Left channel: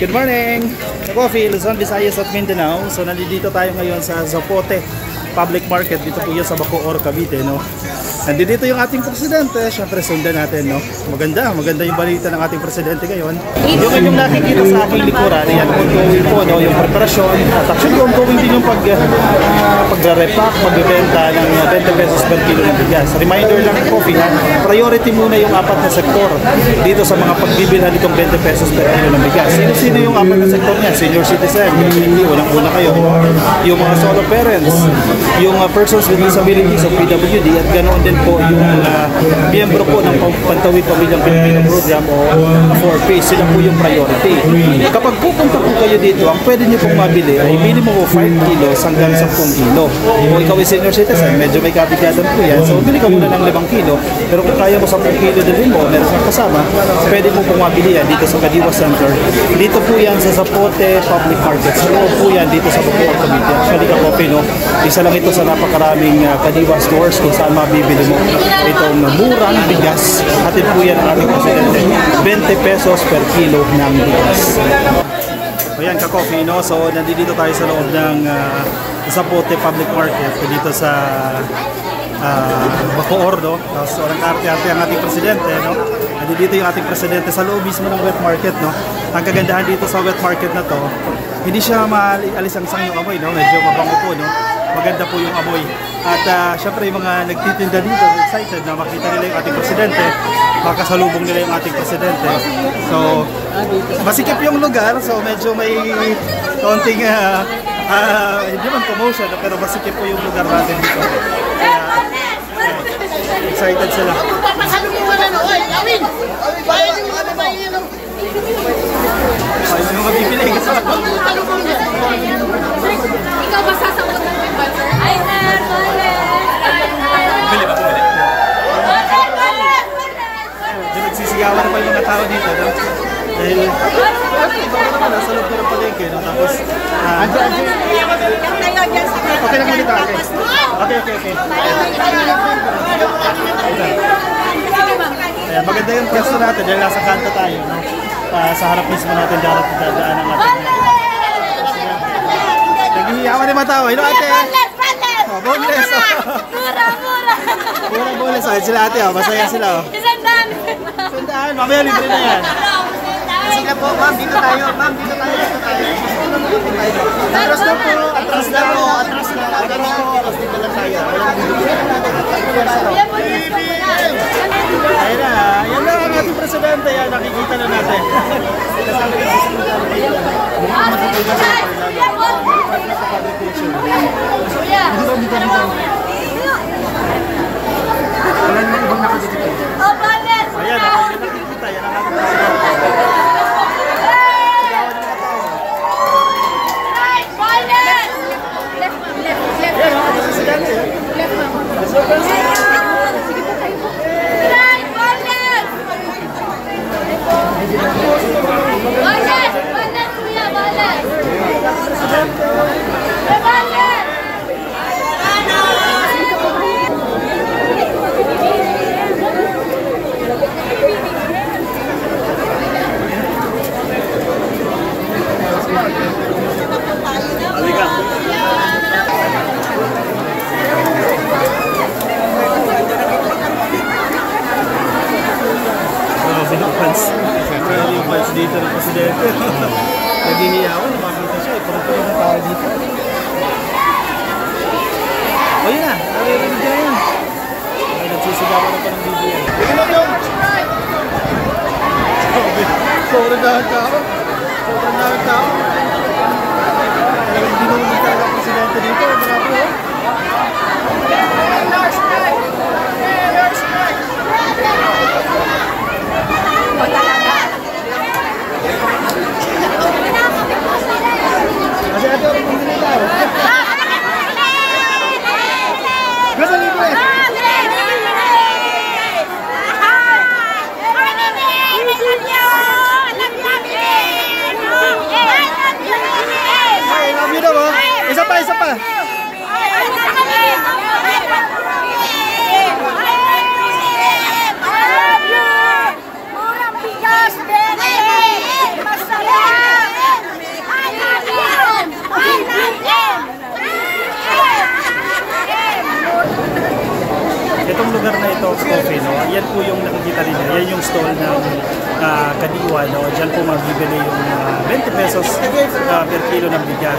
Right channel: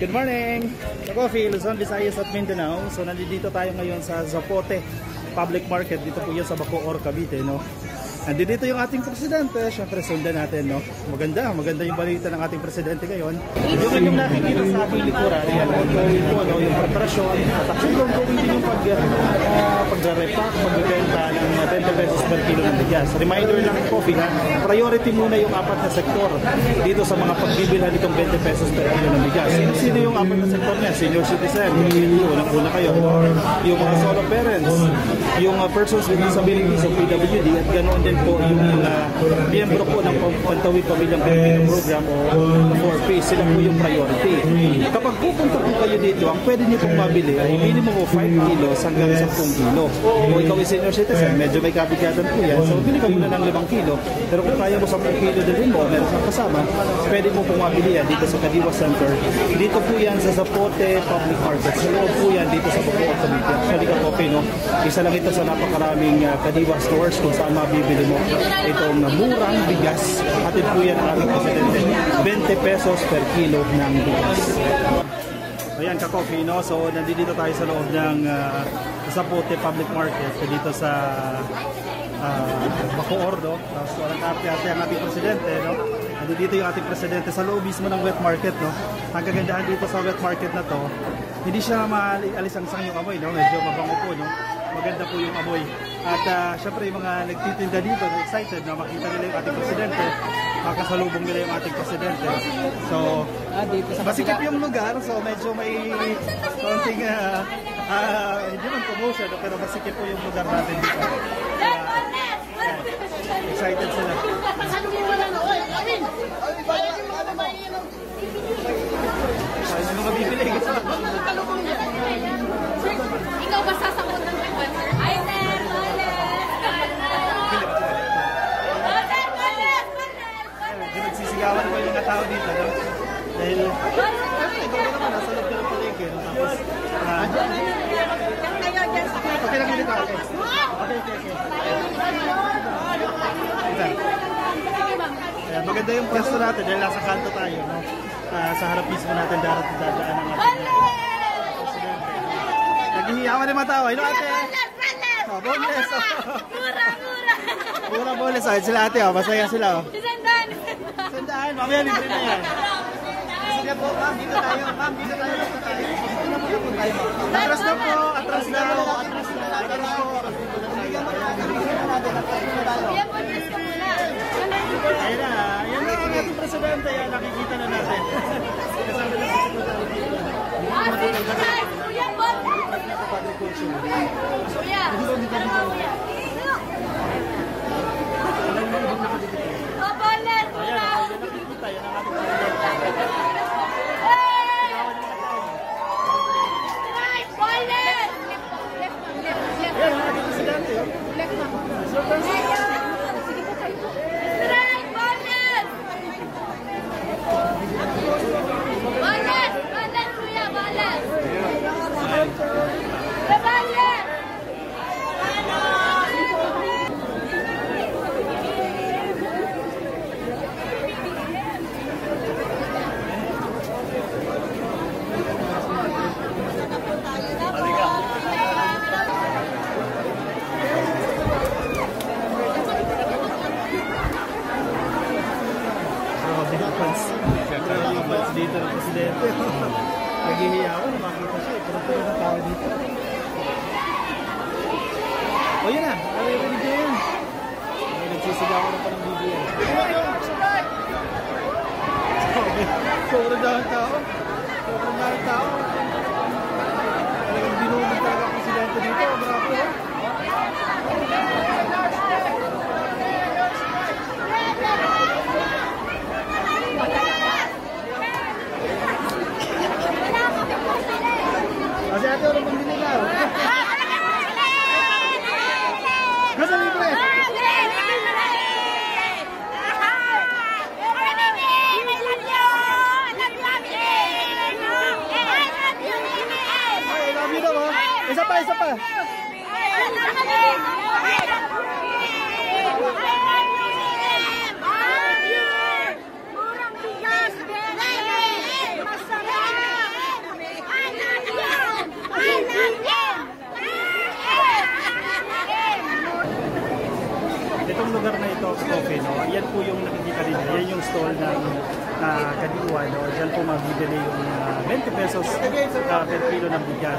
Good morning! Ka-Coffee, Luzon, Visayas at Mindanao. So nandito tayo ngayon sa Zapote Public Market. Dito po yan sa Bacoor, Cavite, no? Nandito yung ating presidente. Siyempre sundan natin, no? Maganda yung balita ng ating presidente ngayon. Yung inyong nakikita sa aking likuran, yan, ongoing po, no? Yung preparasyon. At actually ongoing din yung pagre-repack, pagbebenta ng 20 pesos per kilo ng bigas. Reminder lang, Coffee, ha? Priority muna yung apat na sektor dito sa mga pagbibilhan nitong 20 pesos per kilo ng bigas. Sino yung apat na sektor niya? Senior citizen, unang-una kayo. Yung mga solo parents, yung persons with disabilities o PWD, at ganoon din po yung miyembro po ng Pantawid Pamilyang Pilipino Program o 4P. Sila po yung priority. Kapag pupunta po kayo dito, ang pwede nyo pong mabili ay minimum of 5 kilos hanggang 10 kilo. O ikaw ay senior citizen, medyo may kabigadan po yan. So bili ka muna ng 5 kilo. Pero kung kaya mo 10 kilo din mo, meron kang kasama, pwede mo pong mabili yan dito sa Kadiwa Center. Dito po yan sa Zapote Public Market. Sa loob po yan dito sa Bacoor, Cavite. Actually, Ka-Coffee, no? Isa lang ito sa napakaraming Kadiwa stores kung saan mabibili mo itong murang bigas. Hatid po yan ang ating presidente. 20 pesos per kilo ng bigas. So yan, Ka-Coffee, no? So nandito tayo sa loob ng Zapote Public Market dito sa Bacoor, no? Tapos walang arte-arte ang ating presidente, no? Nandito yung ating presidente sa loob mismo ng wet market, no? Ang kagandahan dito sa wet market na to, hindi siya maalisangsang yung amoy, no? Medyo mabango po, no? Maganda po yung amoy. At syempre yung mga nagtitinda dito, excited na makita nila yung ating presidente, makasalubong nila yung ating presidente. So, masikip yung lugar, so medyo may konting hindi man promotion, pero masikip po yung lugar natin dito. Excited sila. Ay, may mga bibili ka sa ikaw ba sasagot ng butter? Ay, medyo nagsisigawan na pa yung mga tao dito, no? Dahil ikaw naman, nasa loob ng palengke, no? Tapos okay lang dito, okay. Ayan, maganda yung pwesto natin dahil nasa kanto tayo, no? Sa harap mismo natin dadaan ang ating presidente. Naghihiyawan ni Matawa, no ate? Boneless! Mura boneless. Ayun sila ate, masaya sila. Sandaan, mamaya libre na yan. Sige po, ma'am, dito tayo. Atras na po. Atras na po, dito na tayo. Ayun na, yan na ang ating presidente, yan, nakikita na natin. Kasama yung sekretary dito. Ayan, nakikita, yan ang ating presidente. Sigawan yung mga tao. Yan ang ating presidente. Left, ma'am. Yung fans dito ng presidente. Naghihiyawan, makita siya. Puro-puro na tao dito. O yun na, naririnig niya yun. Ay, nagsisigawan na pa ng video yan. Tingnan yun! Sobrang dahil tao. Talagang dinulog talaga ang presidente dito. Grabe, oh. Isa pa. Murang bigas, bebe! Masarap! Roast Coffee, no? Yan po yung nakikita ninyo. Yan yung stall ng Kadiwa, no? Diyan po mabibili yung 20 pesos per kilo ng bigas.